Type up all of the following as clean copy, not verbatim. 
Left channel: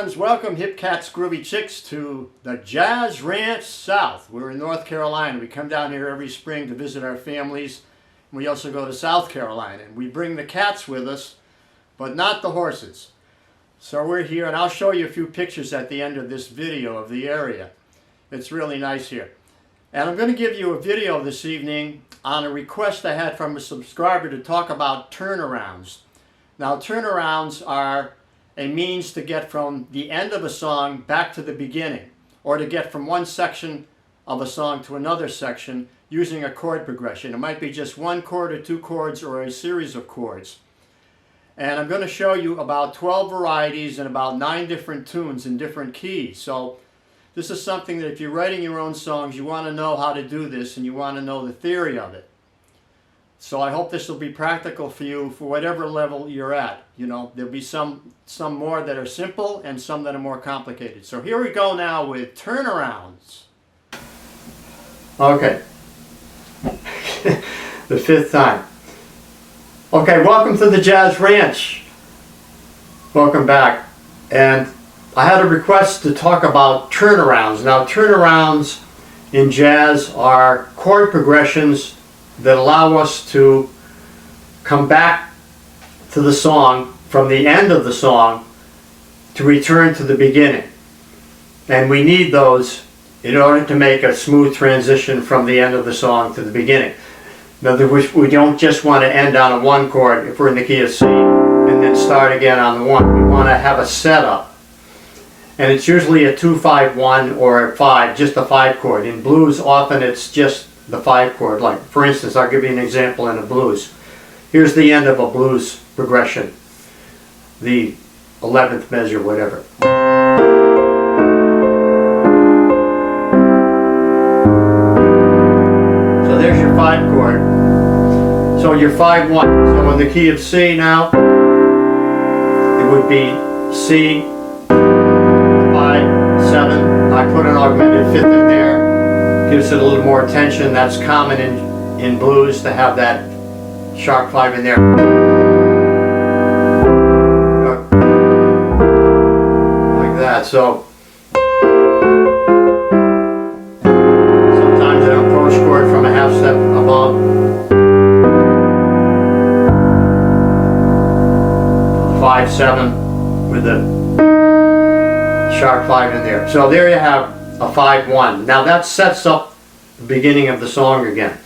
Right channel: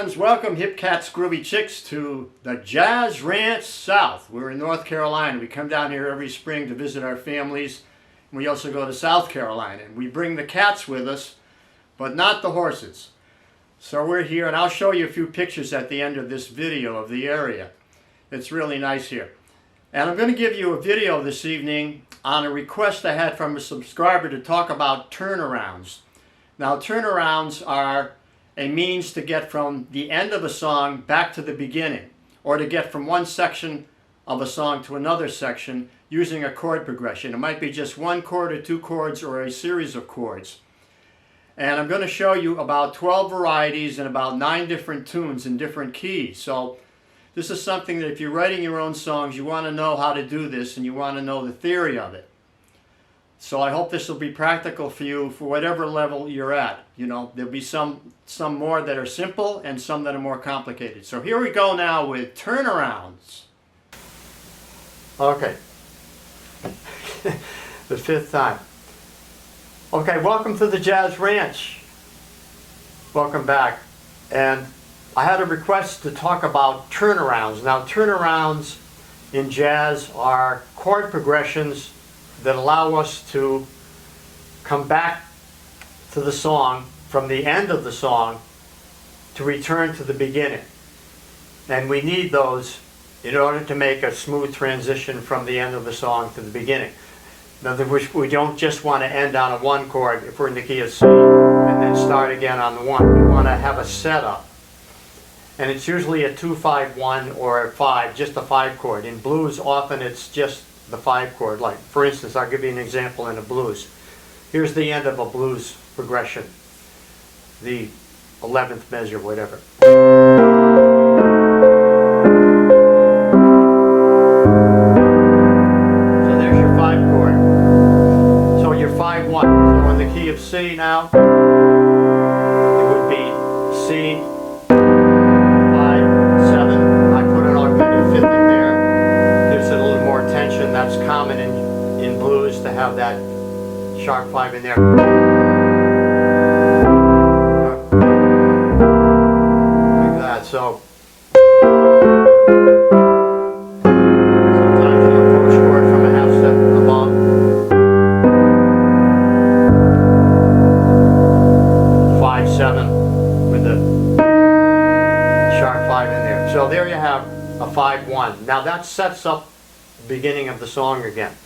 friends, welcome hip cats, groovy chicks to the Jazz Ranch South. We're in North Carolina. We come down here every spring to visit our families. We also go to South Carolina, and we bring the cats with us, but not the horses. So we're here, and I'll show you a few pictures at the end of this video of the area. It's really nice here. And I'm going to give you a video this evening on a request I had from a subscriber to talk about turnarounds. Now, turnarounds are a means to get from the end of a song back to the beginning, or to get from one section of a song to another section using a chord progression. It might be just one chord or two chords or a series of chords. And I'm going to show you about 12 varieties and about 9 different tunes in different keys. So this is something that if you're writing your own songs, you want to know how to do this and you want to know the theory of it. So I hope this will be practical for you for whatever level you're at. You know, there'll be some more that are simple and some that are more complicated. So here we go now with turnarounds. Okay. The 5th time. Okay, welcome to the Jazz Ranch. Welcome back. And I had a request to talk about turnarounds. Now, turnarounds in jazz are chord progressions that allow us to come back to the song from the end of the song to return to the beginning. And we need those in order to make a smooth transition from the end of the song to the beginning. In other words, we don't just want to end on a 1 chord if we're in the key of C and then start again on the 1. We want to have a setup. And it's usually a 2-5-1 or a 5, just a 5 chord. In blues, often it's just the 5 chord. Like, for instance, I'll give you an example in a blues. Here's the end of a blues progression, the 11th measure, whatever. So there's your 5 chord. So your 5-1. So in the key of C now, it would be C, 5-7. I put an augmented 5th in there. Gives it a little more tension. That's common in blues to have that sharp 5 in there. Like that. So sometimes an approach chord from a half step above. 5-7 with a sharp 5 in there. So there you have a 5-1. Now that sets up the beginning of the song again.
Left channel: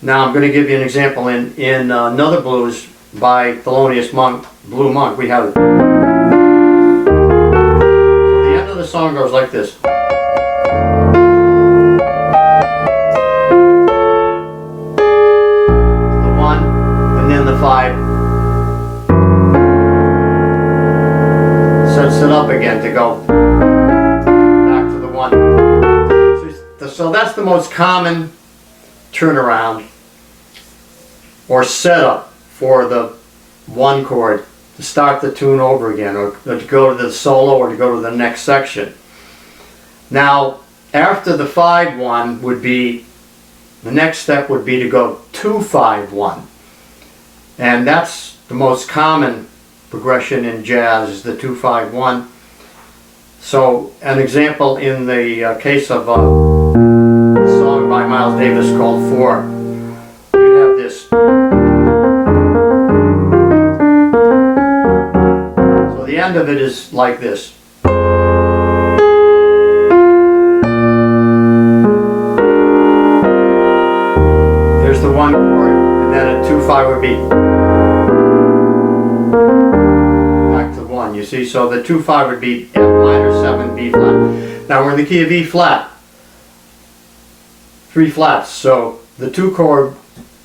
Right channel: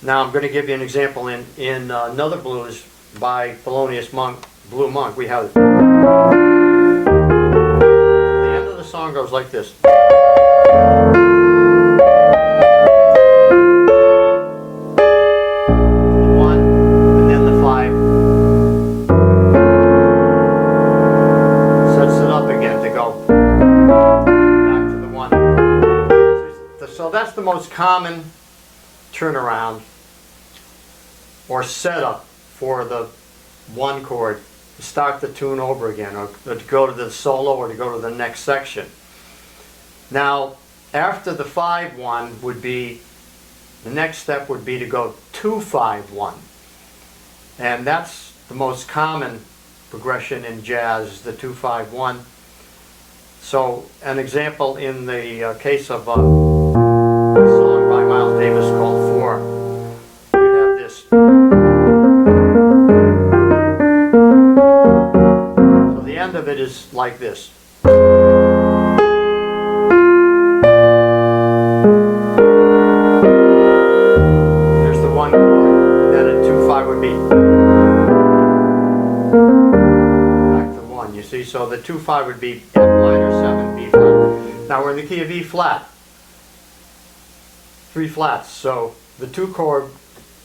Now I'm going to give you an example in another blues by Thelonious Monk, Blue Monk. We have the end of the song goes like this. The 1 and then the 5 sets it up again to go. So that's the most common turnaround or setup for the 1 chord to start the tune over again, or to go to the solo or to go to the next section. Now, after the 5-1 would be, the next step would be to go 2-5-1. And that's the most common progression in jazz, is the 2-5-1. So an example in the case of a song by Miles Davis called 4, you have this. So the end of it is like this. There's the 1 chord, and then a 2-5 would be back to 1. You see, so the 2-5 would be F minor 7 B flat. Now we're in the key of E flat. 3 flats. So the 2 chord,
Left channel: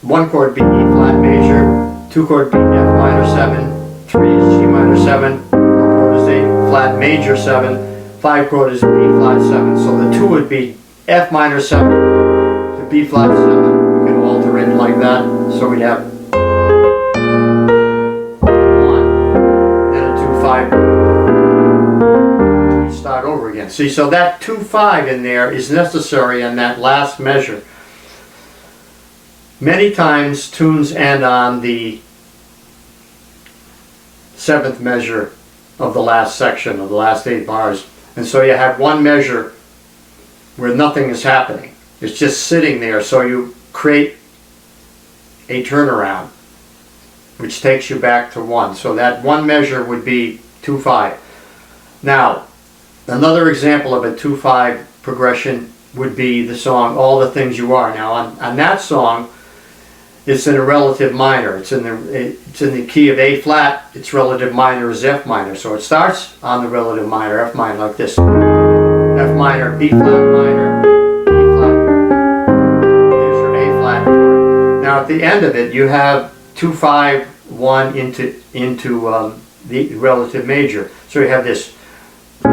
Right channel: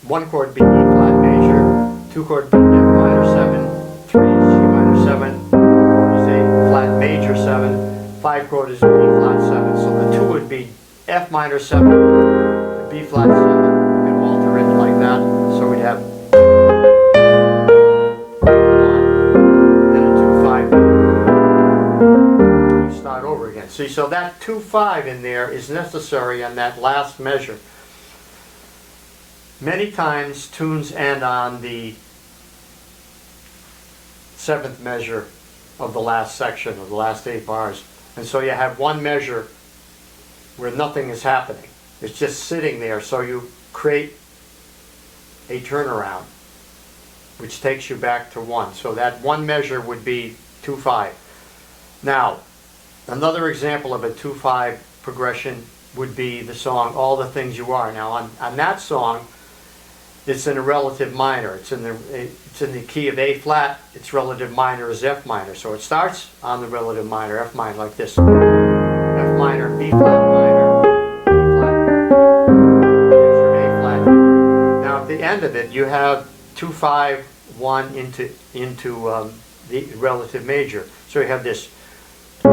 1 chord be E flat major, 2 chord be F minor 7, 3 is G minor 7, 4 chord is A flat major 7, 5 chord is B flat 7. So the 2 would be F minor 7 to B flat 7. We can alter it like that. So we'd have 1, then a 2-5. We start over again. See, so that 2-5 in there is necessary in that last measure. Many times tunes end on the 7th measure of the last section, of the last 8 bars. And so you have one measure where nothing is happening. It's just sitting there, so you create a turnaround, which takes you back to 1. So that one measure would be 2-5. Now, another example of a 2-5 progression would be the song All the Things You Are. Now, on that song, it's in a relative minor. It's in the key of A flat. Its relative minor is F minor. So it starts on the relative minor, F minor, like this. F minor, B flat minor, E flat. There's your A flat. Now at the end of it, you have 2-5, 1 into the relative major. So you have this E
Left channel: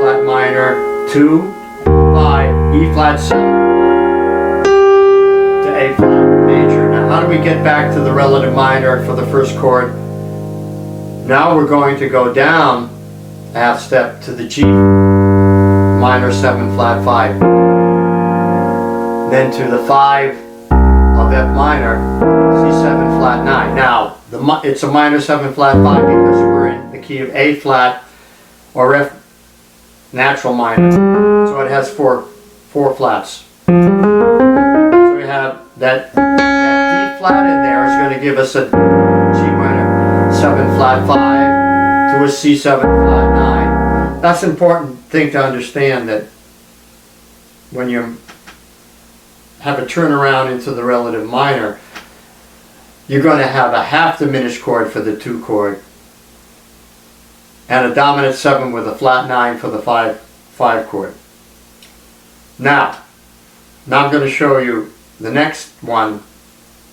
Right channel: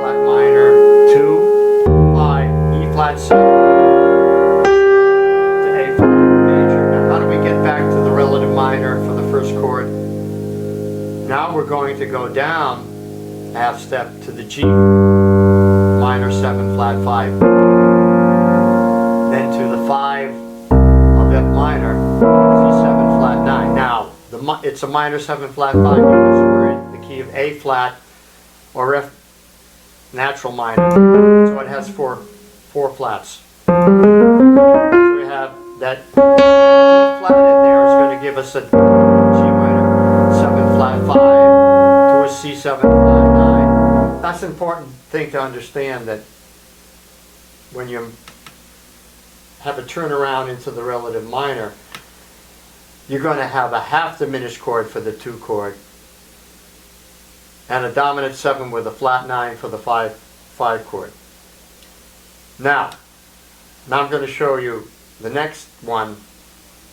flat minor, 2, 5, E flat 7. A flat major. Now how do we get back to the relative minor for the first chord? Now we're going to go down half step to the G minor 7 flat 5. Then to the 5 of F minor, C7 flat 9. Now it's a minor 7 flat 5 because we're in the key of A flat or F natural minor. So it has four flats. So we have that D flat in there is going to give us a G minor 7 flat 5 to a C7 flat 9. That's an important thing to understand, that when you have a turnaround into the relative minor, you're going to have a half diminished chord for the 2 chord and a dominant 7 with a flat 9 for the 5 chord. Now I'm going to show you the next one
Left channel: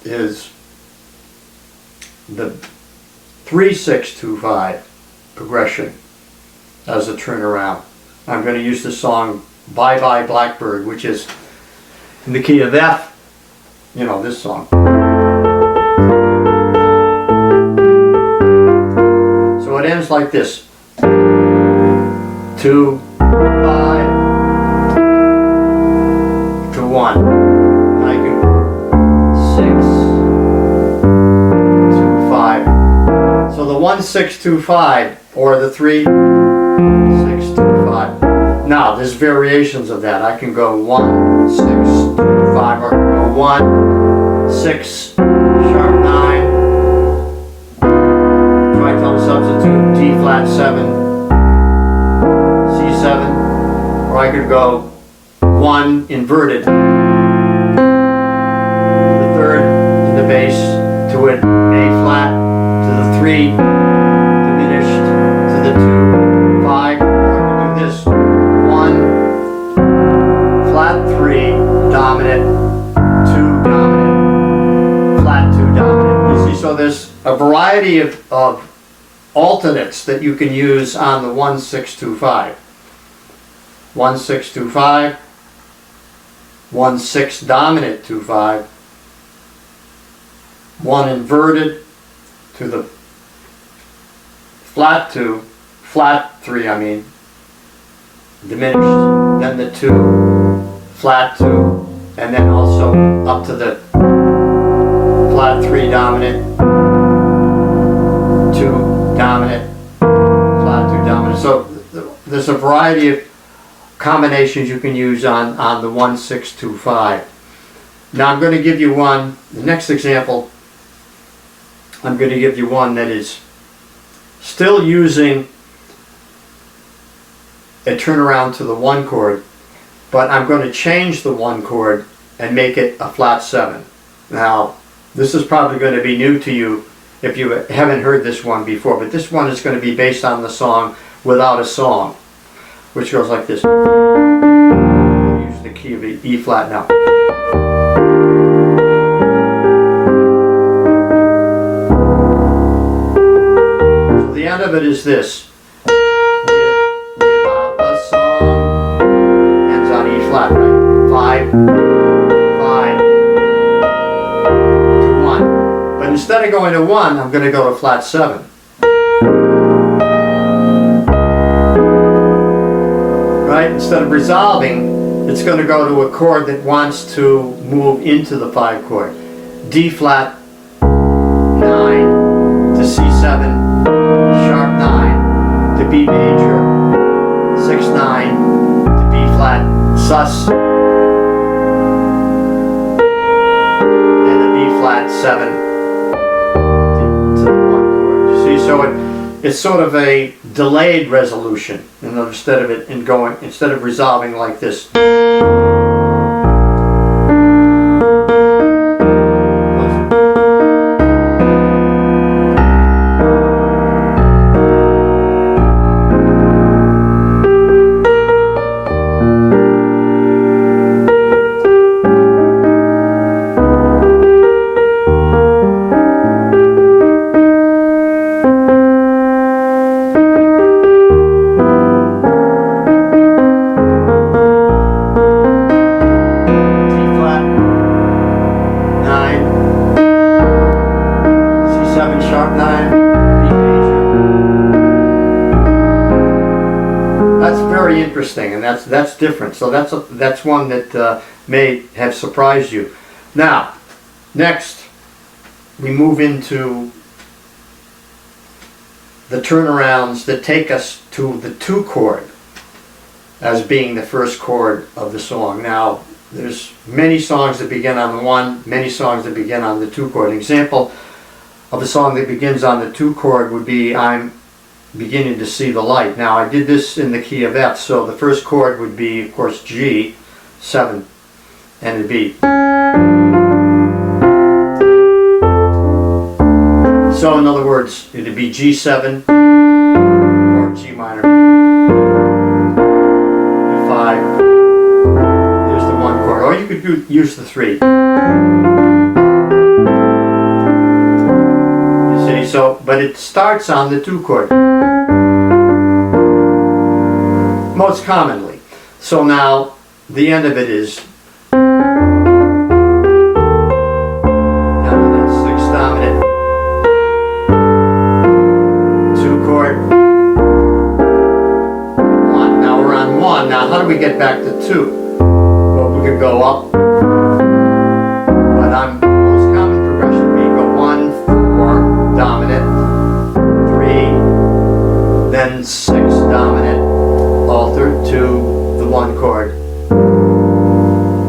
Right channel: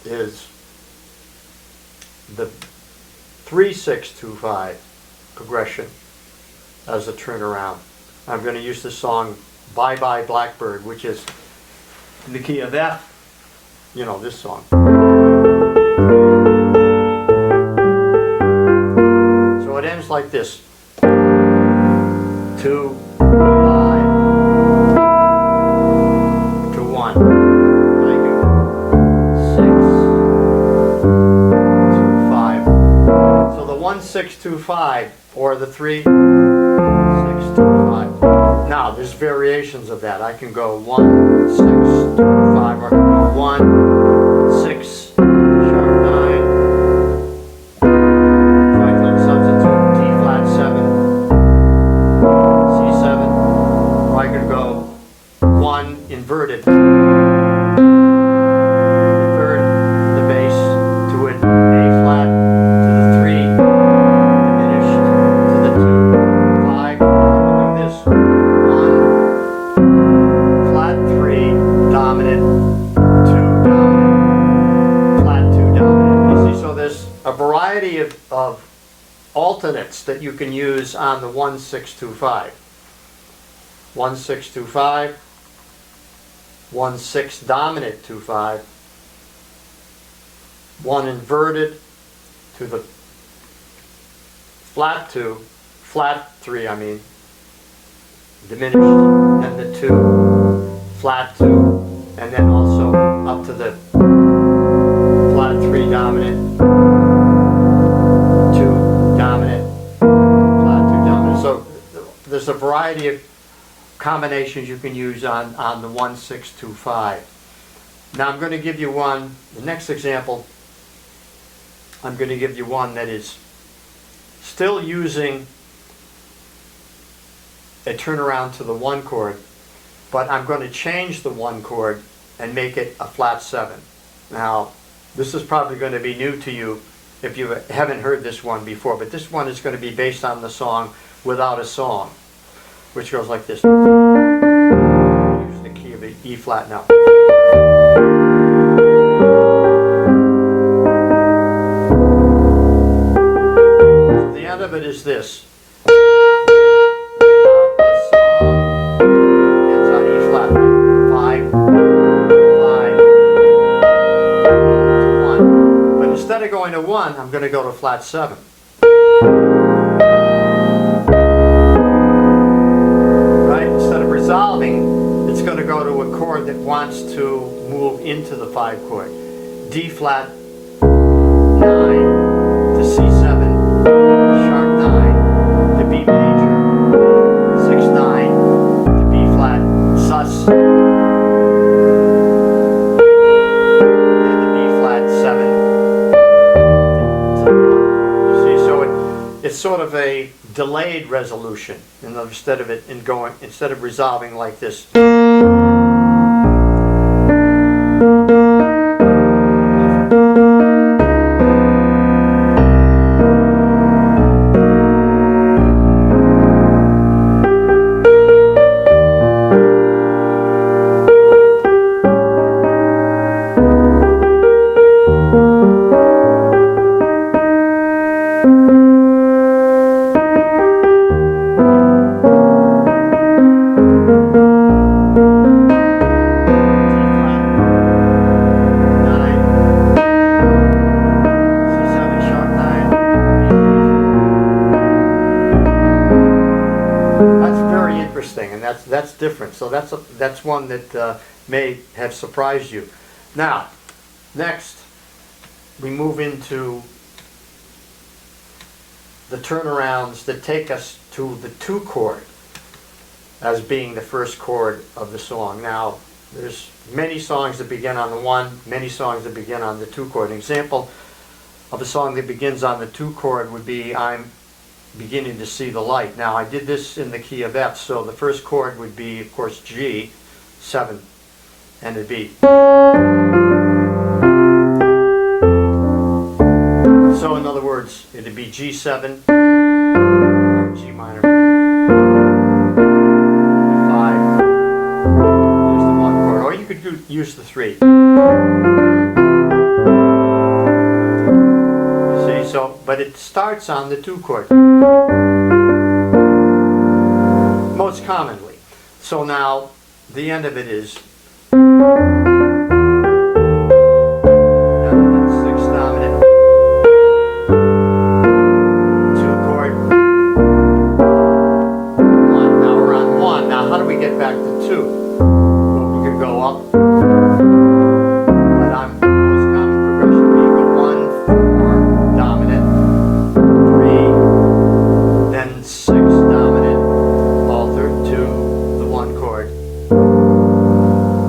is the 3-6-2-5 progression as a turnaround. I'm going to use the song Byebye Blackberry, which is in the key of F, you know, this song. So it ends like this. 2, 5 to 1. So the 1-6-2-5 or the 3-6-2-5. Now there's variations of that. I can go 1-6-2-5 or I can go 1-6 sharp 9. Tritone substitute D flat 7, C7, or I could go 1 inverted. Diminished to the 2, 5, or I can do this. 1, flat 3, dominant, 2, dominant, flat 2, dominant. You see, so there's a variety of alternates that you can use on the 1-6-2-5. 1-6-2-5, 1-6 dominant 2-5, 1 inverted to the flat 2, flat 3 I mean, diminished, then the 2, flat 2, and then also up to the flat 3 dominant, 2 dominant, flat 2 dominant. So there's a variety of combinations you can use on the 1-6-2-5. Now I'm going to give you one, the next example, I'm going to give you one that is still using a turnaround to the 1 chord, but I'm going to change the 1 chord and make it a flat 7. Now, this is probably going to be new to you if you haven't heard this one before, but this one is going to be based on the song Without a Song, which goes like this. I'll use the key of E flat now. The end of it is this. Without a song ends on E flat, right? 5, 5 to 1. But instead of going to 1, I'm going to go to flat 7. Right? Instead of resolving, it's going to go to a chord that wants to move into the 5 chord. D flat 9 to C7. major, 6/9 to B flat sus, and a B flat 7 to the 1 chord. You see, so it's sort of a delayed resolution, instead of resolving like this. Interesting, and that's different. So that's one that may have surprised you. Now, next we move into the turnarounds that take us to the 2 chord as being the first chord of the song. Now, there's many songs that begin on the 1, many songs that begin on the 2 chord. An example of a song that begins on the 2 chord would be "I'm Beginning to See the Light." Now, I did this in the key of F, so the first chord would be, of course, G, 7, and it'd be. So, in other words, it'd be G7 or G minor. 5. There's the 1 chord, or you could use the 3. So, but it starts on the 2 chord most commonly. So now the end of it is down that 6 dominant 2 chord 1. Now we're on 1. Now how do we get back to 2? Well, we could go up. Then 6 dominant, altered to the 1 chord.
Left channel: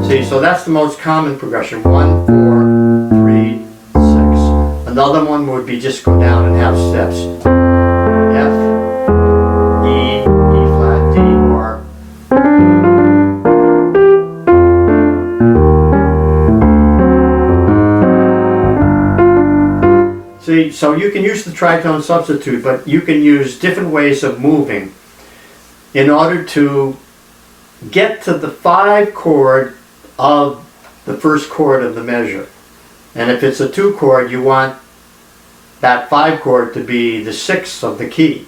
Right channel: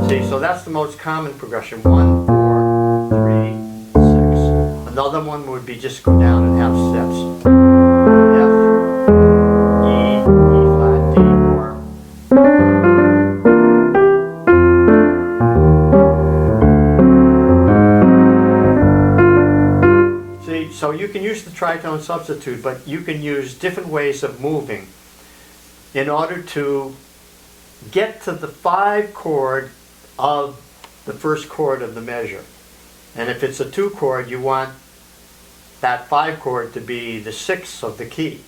See, so that's the most common progression. 1, 4, 3, 6. Another one would be just go down in half steps. F, E, E flat, D, or. See, so you can use the tritone substitute, but you can use different ways of moving in order to get to the 5 chord of the first chord of the measure. And if it's a 2 chord, you want that 5 chord to be the 6th of the key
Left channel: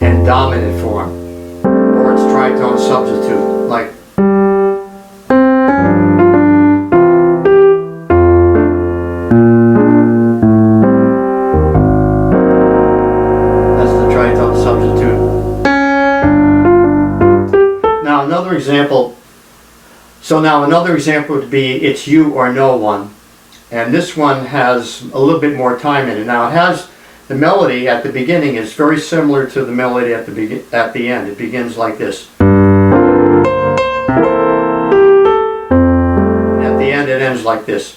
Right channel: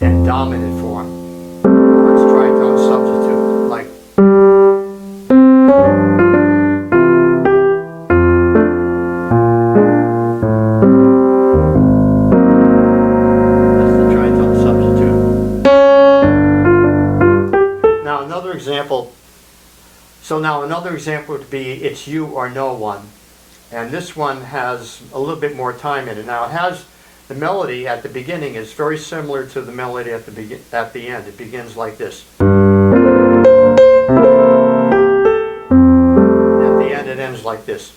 in dominant form, or it's tritone substitute, like. Another example would be "It's You or No One," and this one has a little bit more time in it. Now it has the melody at the beginning is very similar to the melody at the end. It begins like this. And at the end it ends like this.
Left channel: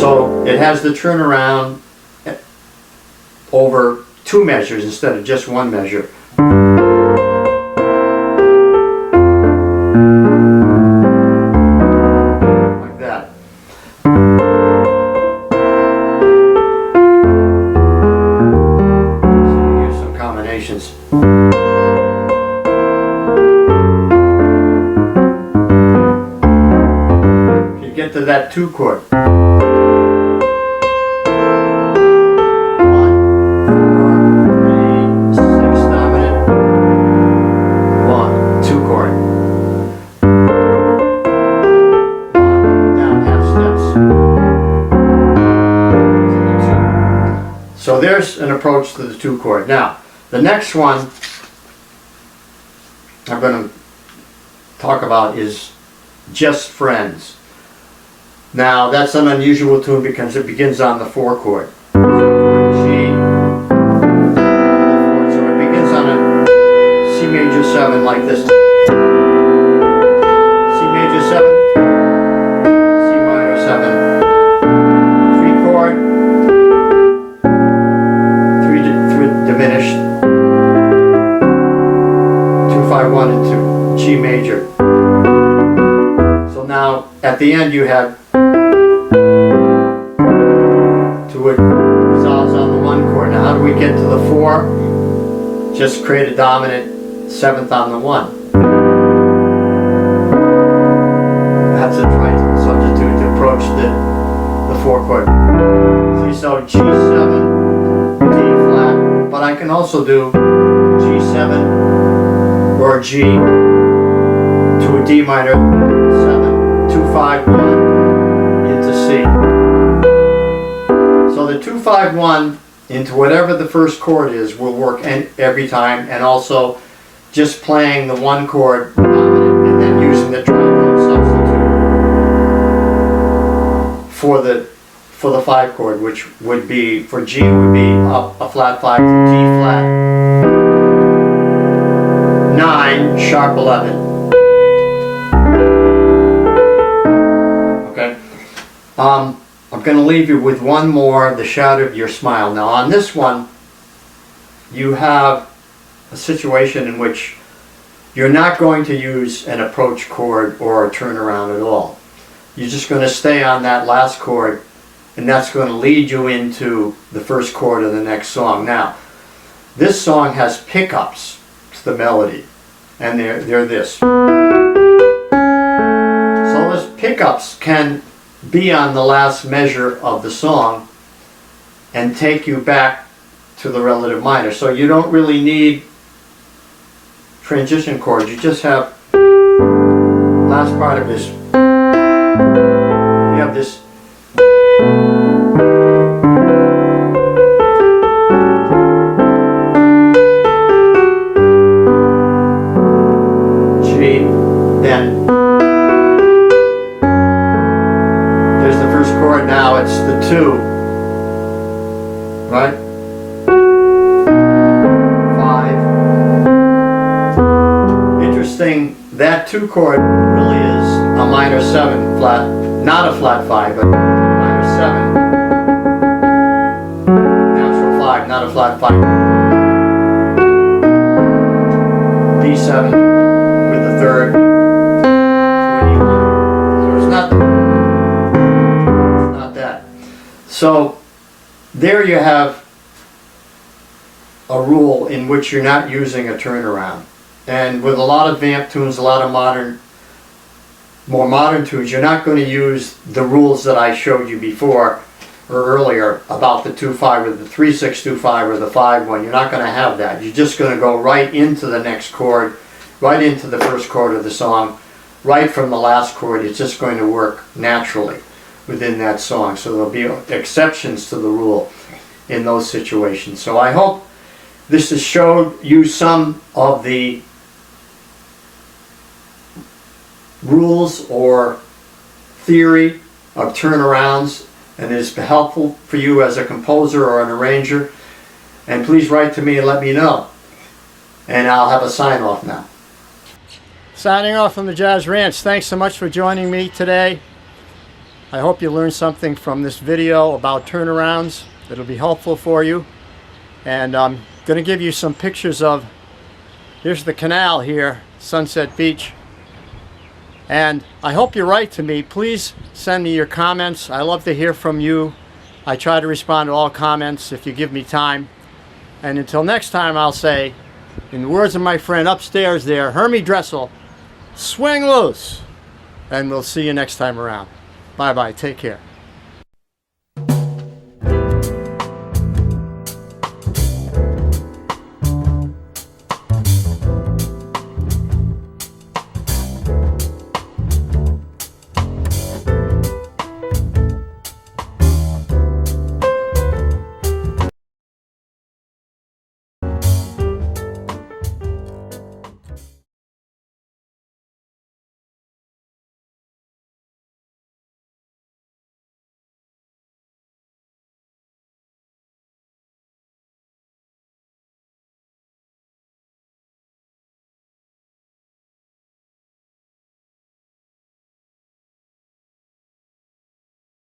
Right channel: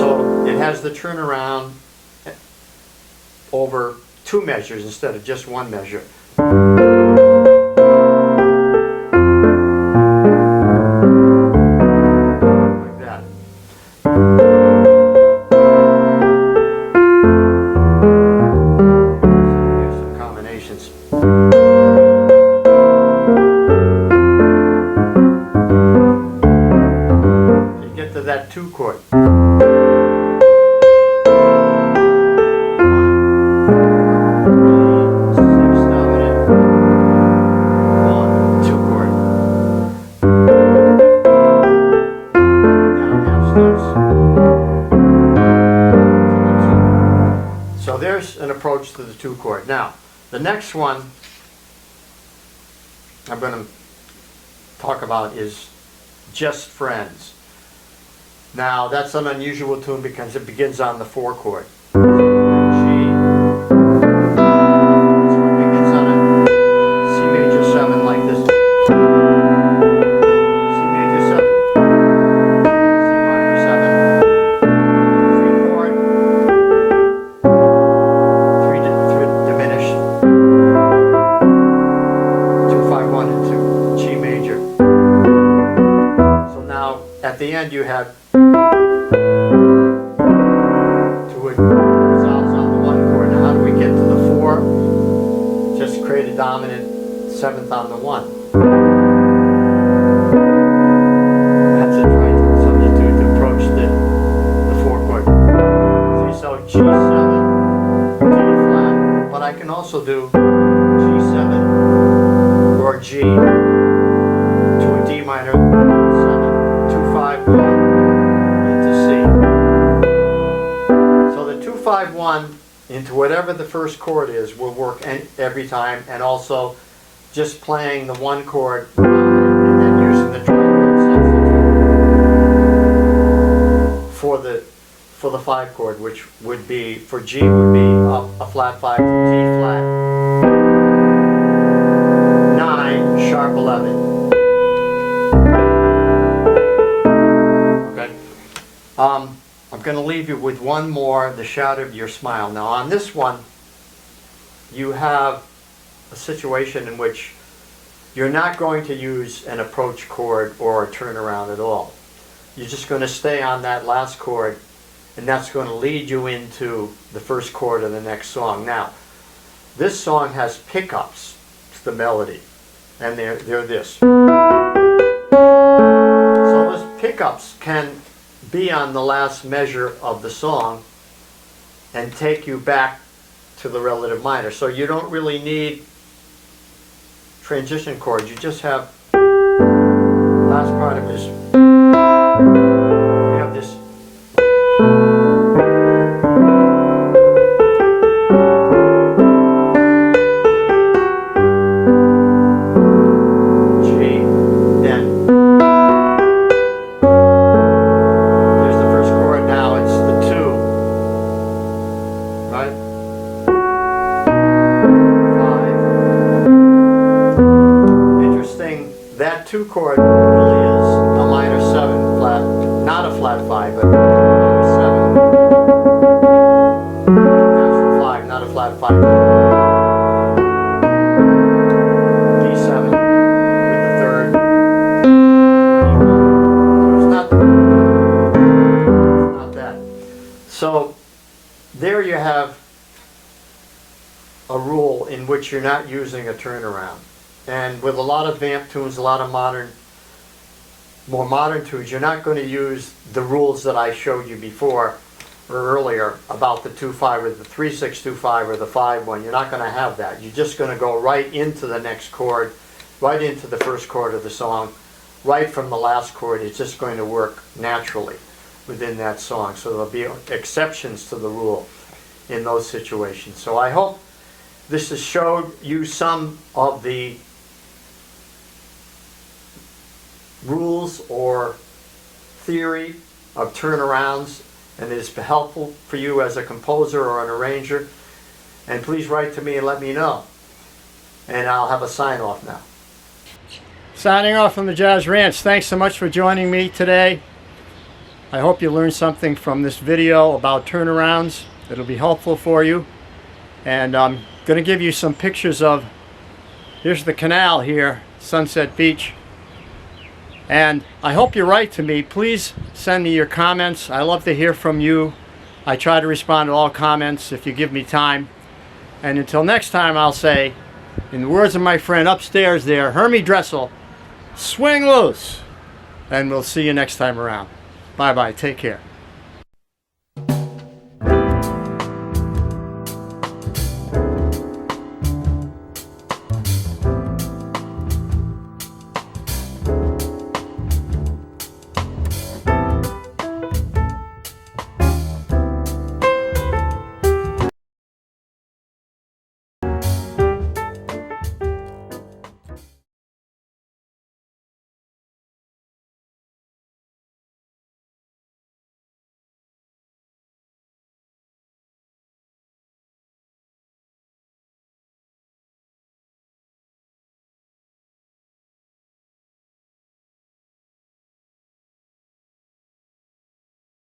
So it has the turnaround over 2 measures instead of just 1 measure. To that 2 chord. 1, 4, 3, 6 dominant. 1, 2 chord. 1, down half steps. So there's an approach to the 2 chord. Now, the next one I'm going to talk about is "Just Friends." Now that's an unusual tune because it begins on the 4 chord. G, the end you have 2 resolves on the 1 chord. Now how do we get to the 4? Just create a dominant 7th on the 1. That's a tritone substitute to approach the 4 chord. See, so G7, D flat, but I can also do G7 or G to a D minor 7, 2, 5, 1 into C. So the 2, 5, 1 into whatever the first chord is will work every time, and also just playing the 1 chord dominant and then using the tritone substitute for the 5 chord, which would be for G would be up a flat 5 to D flat 9 sharp 11. Okay. I'm going to leave you with one more, The Shadow of Your Smile. Now on this one, you have a situation in which you're not going to use an approach chord or a turnaround at all. You're just going to stay on that last chord, and that's going to lead you into the first chord of the next song. Now, this song has pickups to the melody, and they're this. So those pickups can be on the last measure of the song and take you back to the relative minor. So you don't really need transition chords. You just have last part of this. You have this G, then there's the first chord. Now it's the 2, right? 5. Interesting, that 2 chord really is a minor 7 flat, not a flat 5, but minor 7. Natural 5, not a flat 5. D7 with the 3rd. 41. So it's not that. So there you have a rule in which you're not using a turnaround. And with a lot of vamp tunes, a lot of more modern tunes, you're not going to use the rules that I showed you before or earlier about the 2-5 or the 3-6-2-5 or the 5-1. You're not going to have that. You're just going to go right into the next chord, right into the first chord of the song, right from the last chord. It's just going to work naturally within that song. So there'll be exceptions to the rule in those situations. So I hope this has showed you some of the rules or theory of turnarounds, and is helpful for you as a composer or an arranger. And please write to me and let me know. And I'll have a sign off now. Signing off from the Jazz Ranch. Thanks so much for joining me today. I hope you learned something from this video about turnarounds. It'll be helpful for you. And I'm going to give you some pictures of, here's the canal here, Sunset Beach. And I hope you write to me. Please send me your comments. I love to hear from you. I try to respond to all comments if you give me time. And until next time, I'll say, in the words of my friend upstairs there, Hermie Dressel, swing loose. And we'll see you next time around. Bye-bye. Take care.